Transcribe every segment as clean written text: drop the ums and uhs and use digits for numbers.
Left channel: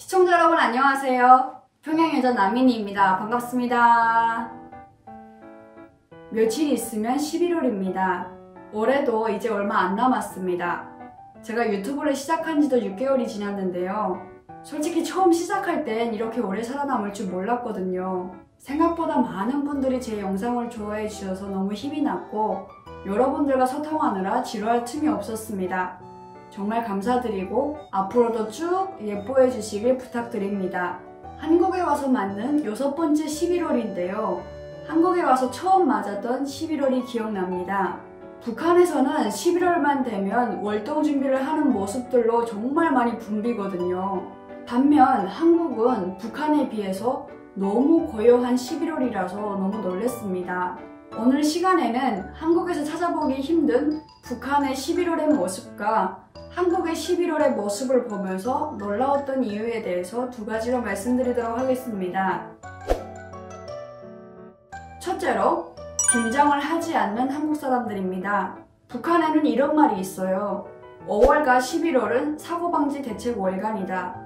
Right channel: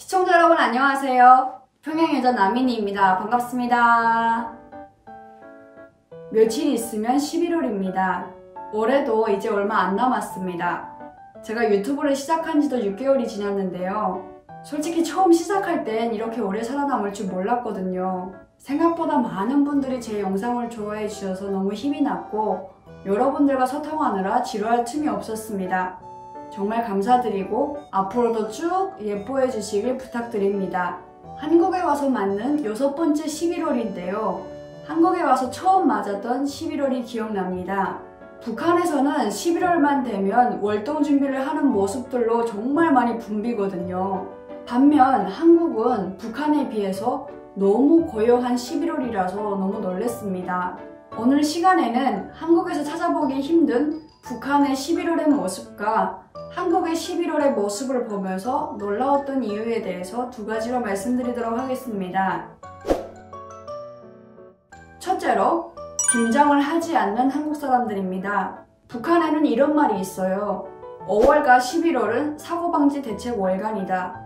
시청자 여러분 안녕하세요. 평양여자 나민이입니다. 반갑습니다. 며칠 있으면 11월입니다. 올해도 이제 얼마 안 남았습니다. 제가 유튜브를 시작한 지도 6개월이 지났는데요. 솔직히 처음 시작할 땐 이렇게 오래 살아남을 줄 몰랐거든요. 생각보다 많은 분들이 제 영상을 좋아해 주셔서 너무 힘이 났고 여러분들과 소통하느라 지루할 틈이 없었습니다. 정말 감사드리고 앞으로도 쭉 예뻐해 주시길 부탁드립니다. 한국에 와서 맞는 6번째 11월인데요. 한국에 와서 처음 맞았던 11월이 기억납니다. 북한에서는 11월만 되면 월동 준비를 하는 모습들로 정말 많이 붐비거든요. 반면 한국은 북한에 비해서 너무 고요한 11월이라서 너무 놀랐습니다. 오늘 시간에는 한국에서 찾아보기 힘든 북한의 11월의 모습과 한국의 11월의 모습을 보면서 놀라웠던 이유에 대해서 두 가지로 말씀드리도록 하겠습니다. 첫째로, 김장을 하지 않는 한국 사람들입니다. 북한에는 이런 말이 있어요. 5월과 11월은 사고방지 대책 월간이다.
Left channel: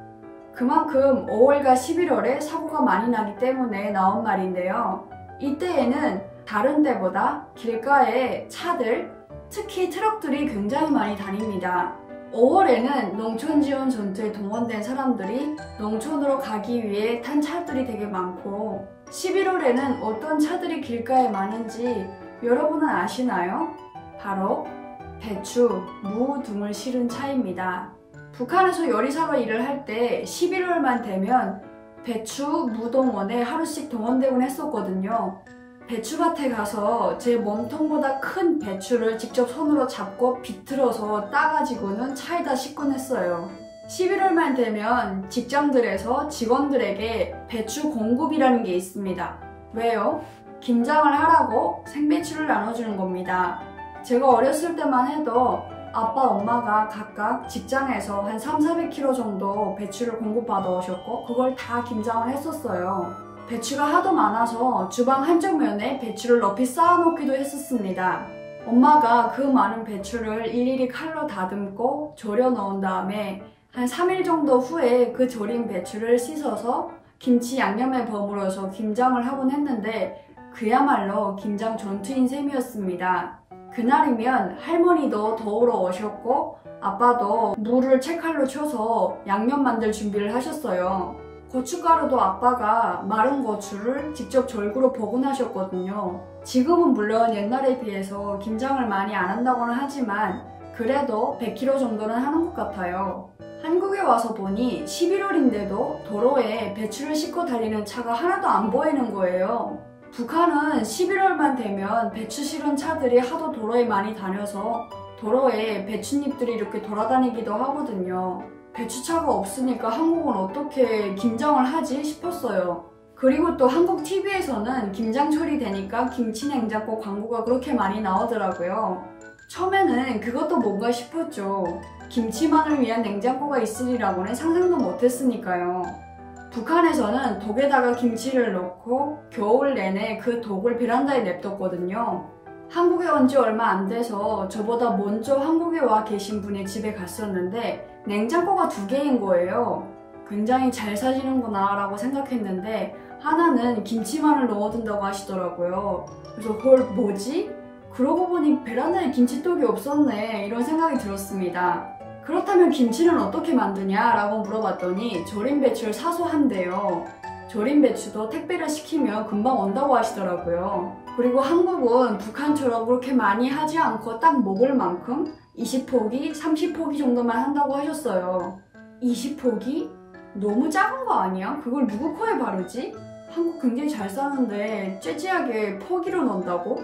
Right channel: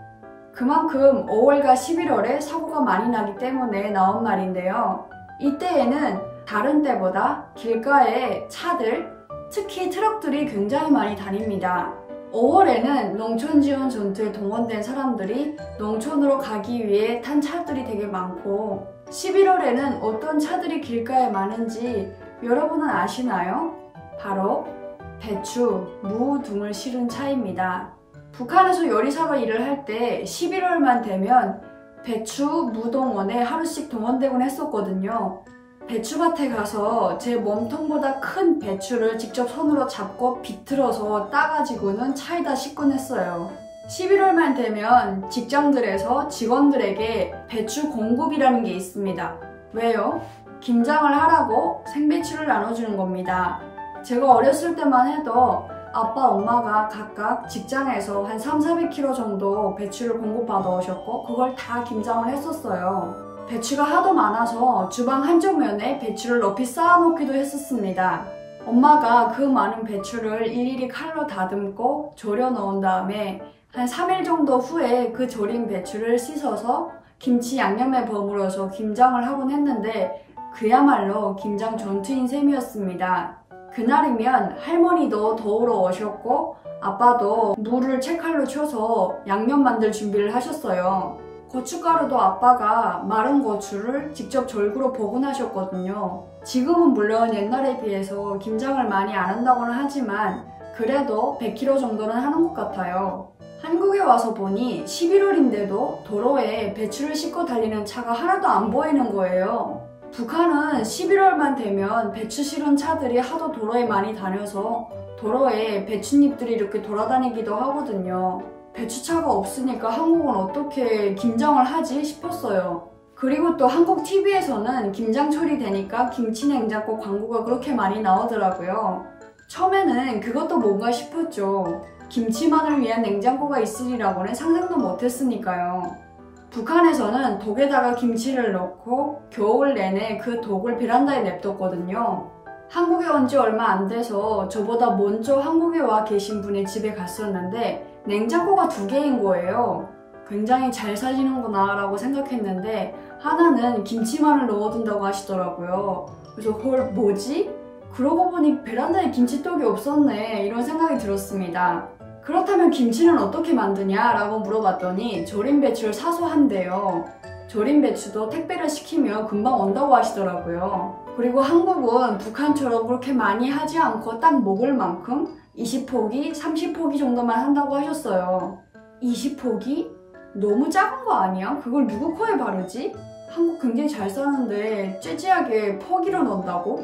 그만큼 5월과 11월에 사고가 많이 나기 때문에 나온 말인데요. 이때에는 다른 때보다 길가에 차들, 특히 트럭들이 굉장히 많이 다닙니다. 5월에는 농촌지원 전투에 동원된 사람들이 농촌으로 가기 위해 탄 차들이 되게 많고 11월에는 어떤 차들이 길가에 많은지 여러분은 아시나요? 바로 배추, 무 등을 실은 차입니다. 북한에서 요리사가 일을 할 때 11월만 되면 배추, 무 동원에 하루씩 동원되곤 했었거든요. 배추밭에 가서 제 몸통보다 큰 배추를 직접 손으로 잡고 비틀어서 따가지고는 차에다 싣곤 했어요. 11월만 되면 직장들에서 직원들에게 배추 공급이라는 게 있습니다. 왜요? 김장을 하라고 생배추를 나눠주는 겁니다. 제가 어렸을 때만 해도 아빠, 엄마가 각각 직장에서 한 300~400kg 정도 배추를 공급받아 오셨고 그걸 다 김장을 했었어요. 배추가 하도 많아서 주방 한쪽 면에 배추를 높이 쌓아놓기도 했었습니다. 엄마가 그 많은 배추를 일일이 칼로 다듬고 졸여 넣은 다음에 한 3일 정도 후에 그 졸인 배추를 씻어서 김치 양념에 버무려서 김장을 하곤 했는데 그야말로 김장 전투인 셈이었습니다. 그날이면 할머니도 도우러 오셨고 아빠도 무를 채칼로 쳐서 양념 만들 준비를 하셨어요. 고춧가루도 아빠가 마른 고추를 직접 절구로 복원하셨거든요. 지금은 물론 옛날에 비해서 김장을 많이 안 한다고는 하지만 그래도 100kg 정도는 하는 것 같아요. 한국에 와서 보니 11월인데도 도로에 배추를 싣고 달리는 차가 하나도 안 보이는 거예요. 북한은 11월만 되면 배추 실은 차들이 하도 도로에 많이 다녀서 도로에 배춧잎들이 이렇게 돌아다니기도 하거든요. 배추차가 없으니까 한국은 어떻게 김장을 하지 싶었어요. 그리고 또 한국 TV에서는 김장철이 되니까 김치냉장고 광고가 그렇게 많이 나오더라고요. 처음에는 그것도 뭔가 싶었죠. 김치만을 위한 냉장고가 있으리라고는 상상도 못했으니까요. 북한에서는 독에다가 김치를 넣고 겨울 내내 그 독을 베란다에 냅뒀거든요. 한국에 온 지 얼마 안 돼서 저보다 먼저 한국에 와 계신 분의 집에 갔었는데 냉장고가 2개인 거예요. 굉장히 잘 사시는구나 라고 생각했는데 하나는 김치만을 넣어둔다고 하시더라고요. 그래서 헐 뭐지? 그러고 보니 베란다에 김치독이 없었네 이런 생각이 들었습니다. 그렇다면 김치는 어떻게 만드냐 라고 물어봤더니 절인 배추를 사서 한대요. 절인 배추도 택배를 시키면 금방 온다고 하시더라고요. 그리고 한국은 북한처럼 그렇게 많이 하지 않고 딱 먹을 만큼 20포기, 30포기 정도만 한다고 하셨어요. 20포기? 너무 작은 거 아니야? 그걸 누구 코에 바르지? 한국 굉장히 잘 사는데 째지하게 포기로 넣는다고?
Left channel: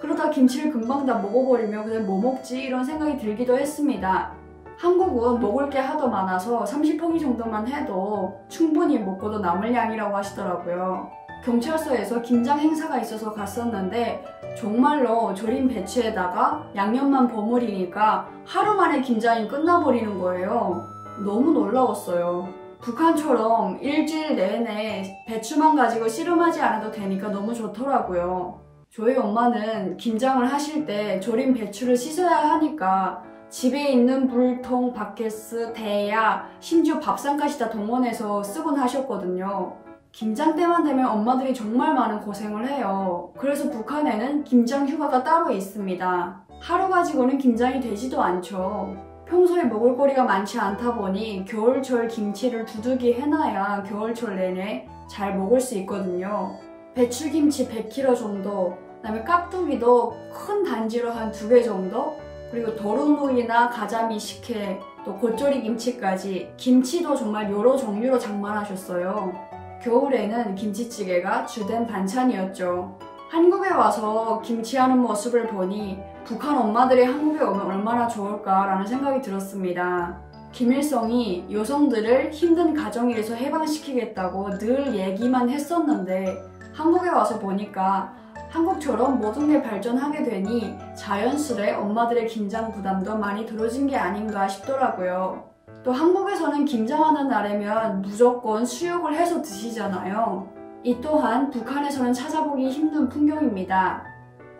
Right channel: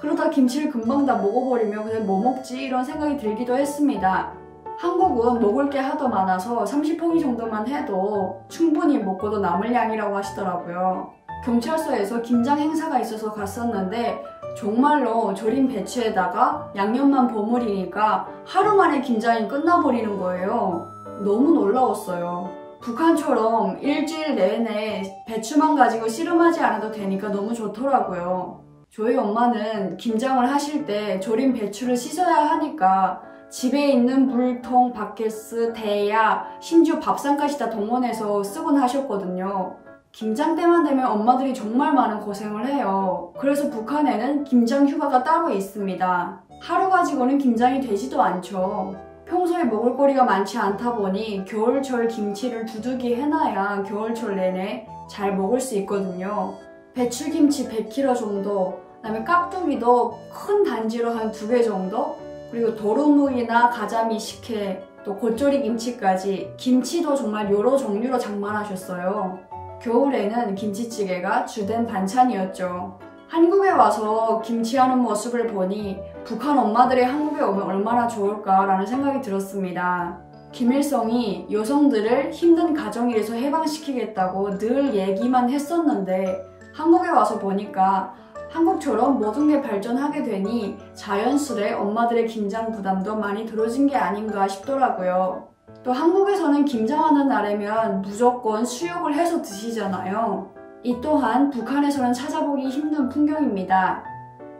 그러다 김치를 금방 다 먹어버리면 그냥 뭐 먹지? 이런 생각이 들기도 했습니다. 한국은 먹을 게 하도 많아서 30포기 정도만 해도 충분히 먹고도 남을 양이라고 하시더라고요. 경찰서에서 김장 행사가 있어서 갔었는데 정말로 절인 배추에다가 양념만 버무리니까 하루 만에 김장이 끝나버리는 거예요. 너무 놀라웠어요. 북한처럼 일주일 내내 배추만 가지고 씨름하지 않아도 되니까 너무 좋더라고요. 저희 엄마는 김장을 하실 때 절인 배추를 씻어야 하니까 집에 있는 물통, 바켓스, 대야, 심지어 밥상까지 다 동원해서 쓰곤 하셨거든요. 김장 때만 되면 엄마들이 정말 많은 고생을 해요. 그래서 북한에는 김장 휴가가 따로 있습니다. 하루 가지고는 김장이 되지도 않죠. 평소에 먹을거리가 많지 않다 보니 겨울철 김치를 두둑이 해놔야 겨울철 내내 잘 먹을 수 있거든요. 배추김치 100kg 정도, 그다음에 깍두기도 큰 단지로 한 2개 정도, 그리고 도루묵이나 가자미 식혜, 또 겉절이 김치까지 김치도 정말 여러 종류로 장만하셨어요. 겨울에는 김치찌개가 주된 반찬이었죠. 한국에 와서 김치하는 모습을 보니 북한 엄마들이 한국에 오면 얼마나 좋을까라는 생각이 들었습니다. 김일성이 여성들을 힘든 가정일에서 해방시키겠다고 늘 얘기만 했었는데 한국에 와서 보니까 한국처럼 모든 게 발전하게 되니 자연스레 엄마들의 김장 부담도 많이 덜어진 게 아닌가 싶더라고요. 또 한국에서는 김장하는 날이면 무조건 수육을 해서 드시잖아요. 이 또한 북한에서는 찾아보기 힘든 풍경입니다.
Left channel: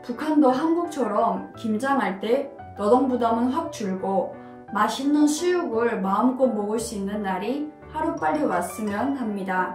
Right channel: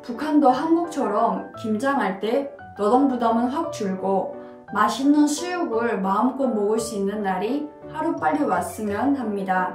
북한도 한국처럼 김장할 때 노동 부담은 확 줄고 맛있는 수육을 마음껏 먹을 수 있는 날이 하루빨리 왔으면 합니다.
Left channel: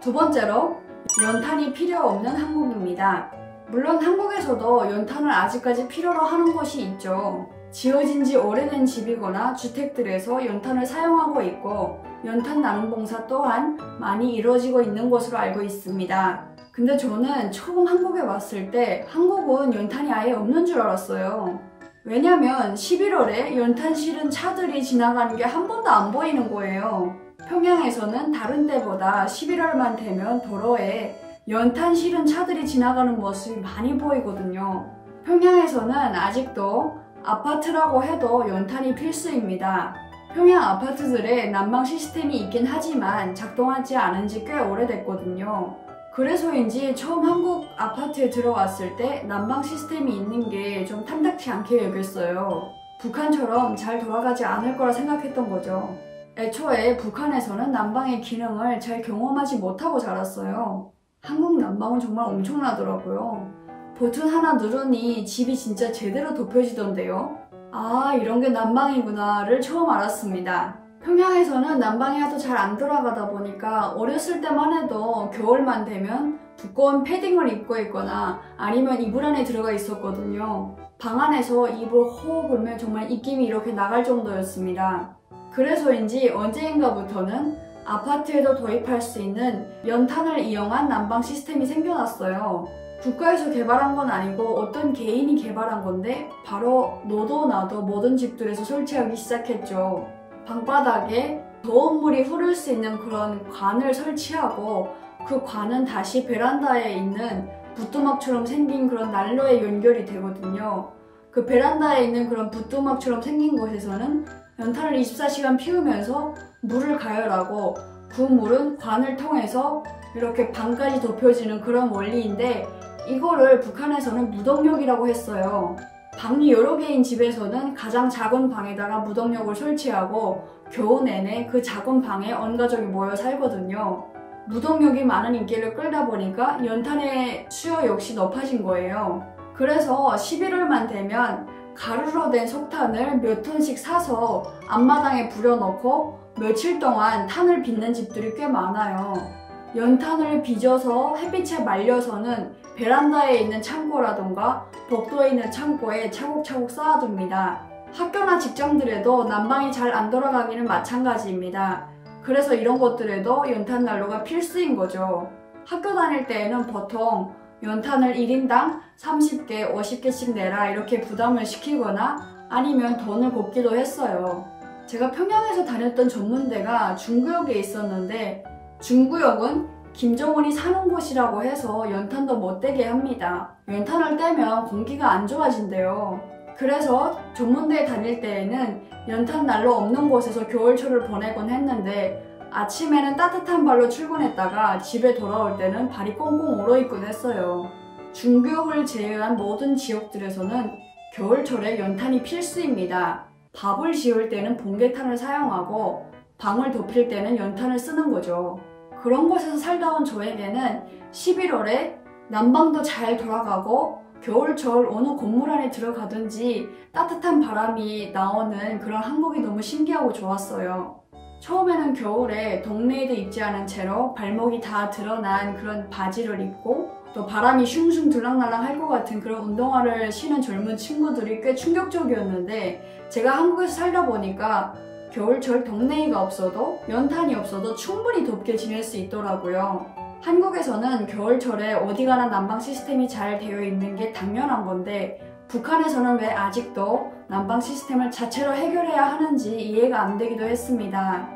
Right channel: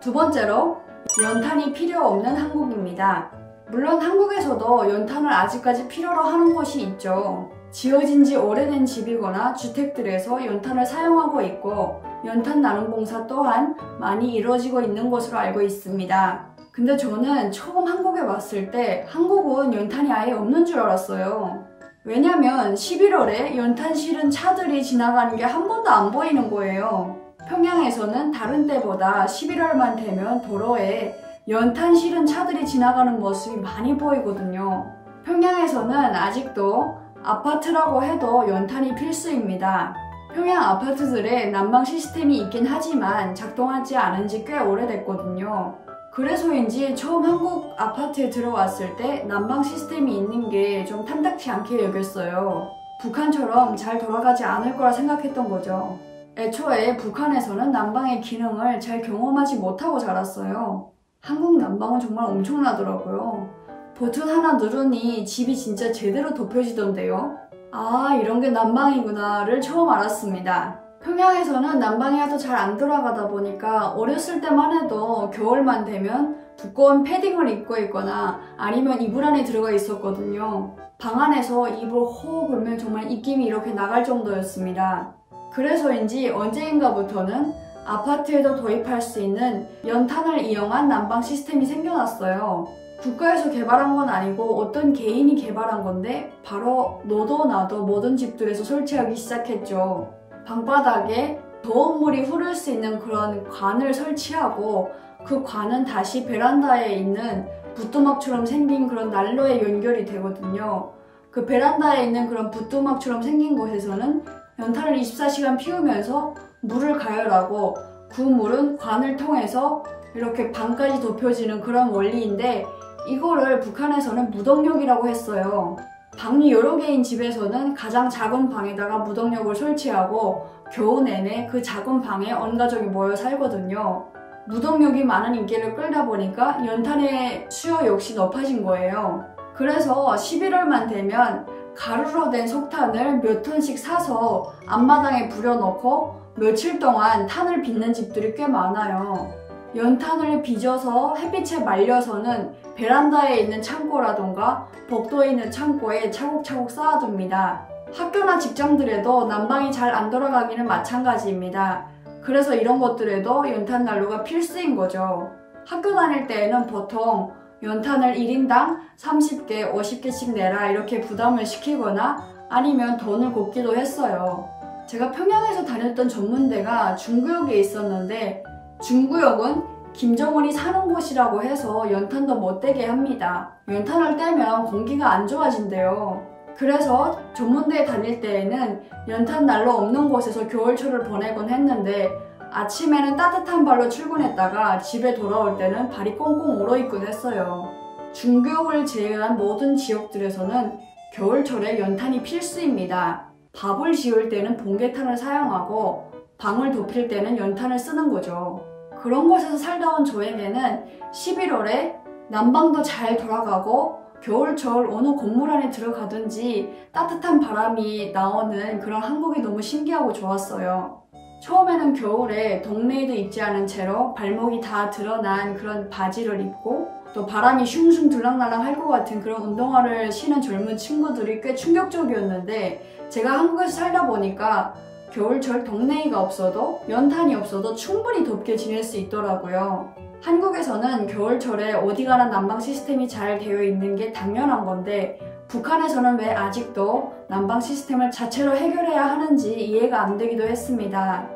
두 번째로, 연탄이 필요 없는 한국입니다. 물론 한국에서도 연탄을 아직까지 필요로 하는 곳이 있죠. 지어진 지 오래된 집이거나 주택들에서 연탄을 사용하고 있고 연탄 나눔 봉사 또한 많이 이루어지고 있는 것으로 알고 있습니다. 근데 저는 처음 한국에 왔을 때 한국은 연탄이 아예 없는 줄 알았어요. 왜냐면 11월에 연탄 실은 차들이 지나가는 게 한 번도 안 보이는 거예요. 평양에서는 다른 때보다 11월만 되면 도로에 연탄 실은 차들이 지나가는 모습이 많이 보이거든요. 평양에서는 아직도 아파트라고 해도 연탄이 필수입니다. 평양 아파트들에 난방 시스템이 있긴 하지만 작동하지 않은 지 꽤 오래됐거든요. 그래서인지 처음 한국 아파트에 들어왔을 때 난방 시스템이 있는 게 좀 탐탁치 않게 여겼어요. 북한처럼 잘 돌아가지 않을 거라 생각했던 거죠. 애초에 북한에서는 난방의 기능을 잘 경험하지 못하고 자랐어요. 한국 난방은 정말 엄청나더라고요. 버튼 하나 누르니 집이 진짜 제대로 덮여지던데요. 아, 이런 게 난방이구나를 처음 알았습니다. 평양에서는 난방이 하도 잘 안 돌아가다 보니까 어렸을 때만 해도 겨울만 되면 두꺼운 패딩을 입고 있거나 아니면 이불 안에 들어가 있었거든요. 방 안에서 이불 호흡 불면 정말 입김이 이렇게 나갈 정도였습니다. 그래서인지 언제인가부터는 아파트에도 도입할 수 있는 연탄을 이용한 난방 시스템이 생겨났어요. 국가에서 개발한 건 아니고 어떤 개인이 개발한 건데 바로 너도 나도 모든 집들에서 설치하기 시작했죠. 방바닥에 더운 물이 흐를 수 있는 그런 관을 설치하고 그 관은 다시 베란다에 있는 부뚜막처럼 생긴 그런 난로에 연결이 되거든요. 그 베란다에 있는 그런 부뚜막처럼 생긴 곳에서는 연탄을 24시간 피우면서 물을 가열하고 그 물은 관을 통해서 이렇게 방까지 덮여지는 그런 원리인데 이거를 북한에서는 무동력이라고 했어요. 방이 여러 개인 집에서는 가장 작은 방에다가 무동력을 설치하고 겨우 내내 그 작은 방에 온 가족이 모여 살거든요. 무동력이 많은 인기를 끌다 보니까 연탄의 수요 역시 높아진 거예요. 그래서 11월만 되면 가루로 된 석탄을 몇 톤씩 사서 앞마당에 부려놓고 며칠 동안 탄을 빚는 집들이 꽤 많아요. 연탄을 빚어서 햇빛에 말려서는 베란다에 있는 창고라던가 복도에 있는 창고에 차곡차곡 쌓아둡니다. 학교나 직장들에도 난방이 잘 안 돌아가기는 마찬가지입니다. 그래서 이런 것들에도 연탄 난로가 필수인 거죠. 학교 다닐 때에는 보통 연탄을 1인당 30개, 50개씩 내라 이렇게 부담을 시키거나 아니면 돈을 걷기도 했어요. 제가 평양에서 다녔던 전문대가 중구역에 있었는데 중구역은 김정은이 사는 곳이라고 해서 연탄도 못 떼게 합니다. 연탄을 떼면 공기가 안 좋아진대요. 그래서 전문대에 다닐 때에는 연탄 난로 없는 곳에서 겨울철을 보내곤 했는데 아침에는 따뜻한 발로 출근했다가 집에 돌아올 때는 발이 꽁꽁 얼어있곤 했어요. 중구역을 제외한 모든 지역들에서는 겨울철에 연탄이 필수입니다. 밥을 지을 때는 봉개탄을 사용하고 방을 덮일 때는 연탄을 쓰는 거죠. 그런 곳에서 살다 온 저에게는 11월에 난방도 잘 돌아가고 겨울철 어느 건물 안에 들어가든지 따뜻한 바람이 나오는 그런 한국이 너무 신기하고 좋았어요. 처음에는 겨울에 덕레이도 입지 않은 채로 발목이 다 드러난 그런 바지를 입고 또 바람이 슝슝 들락날락 할 것 같은 그런 운동화를 신은 젊은 친구들이 꽤 충격적이었는데, 제가 한국에서 살다 보니까 겨울철 덕레이가 없어도 연탄이 없어도 충분히 덥게 지낼 수 있더라고요. 한국에서는 겨울철에 어디 가나 난방 시스템이 잘 되어 있는 게 당연한 건데, 북한에서는 왜 아직도 난방 시스템을 자체로 해결해야 하는지 이해가 안 되기도 했습니다.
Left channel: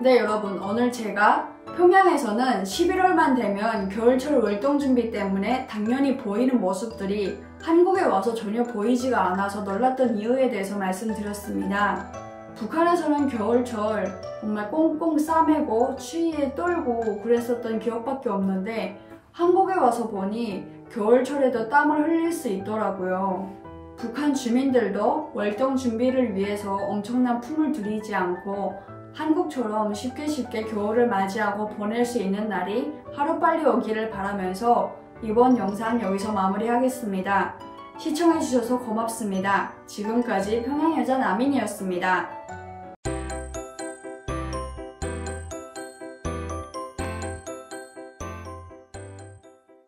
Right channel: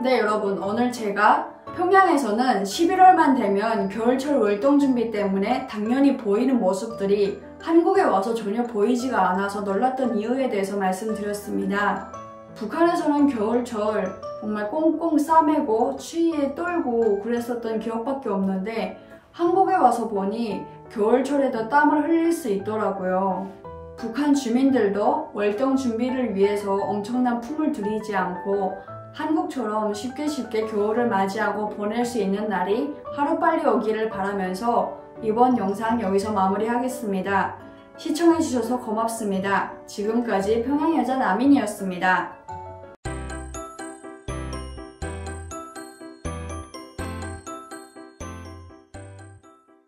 네, 여러분, 오늘 제가 평양에서는 11월만 되면 겨울철 월동 준비 때문에 당연히 보이는 모습들이 한국에 와서 전혀 보이지가 않아서 놀랐던 이유에 대해서 말씀드렸습니다. 북한에서는 겨울철 정말 꽁꽁 싸매고 추위에 떨고 그랬었던 기억밖에 없는데, 한국에 와서 보니 겨울철에도 땀을 흘릴 수 있더라고요. 북한 주민들도 월동 준비를 위해서 엄청난 품을 들이지 않고 한국처럼 쉽게 겨울을 맞이하고 보낼 수 있는 날이 하루빨리 오기를 바라면서 이번 영상 여기서 마무리하겠습니다. 시청해주셔서 고맙습니다. 지금까지 평양여자 남인이었습니다.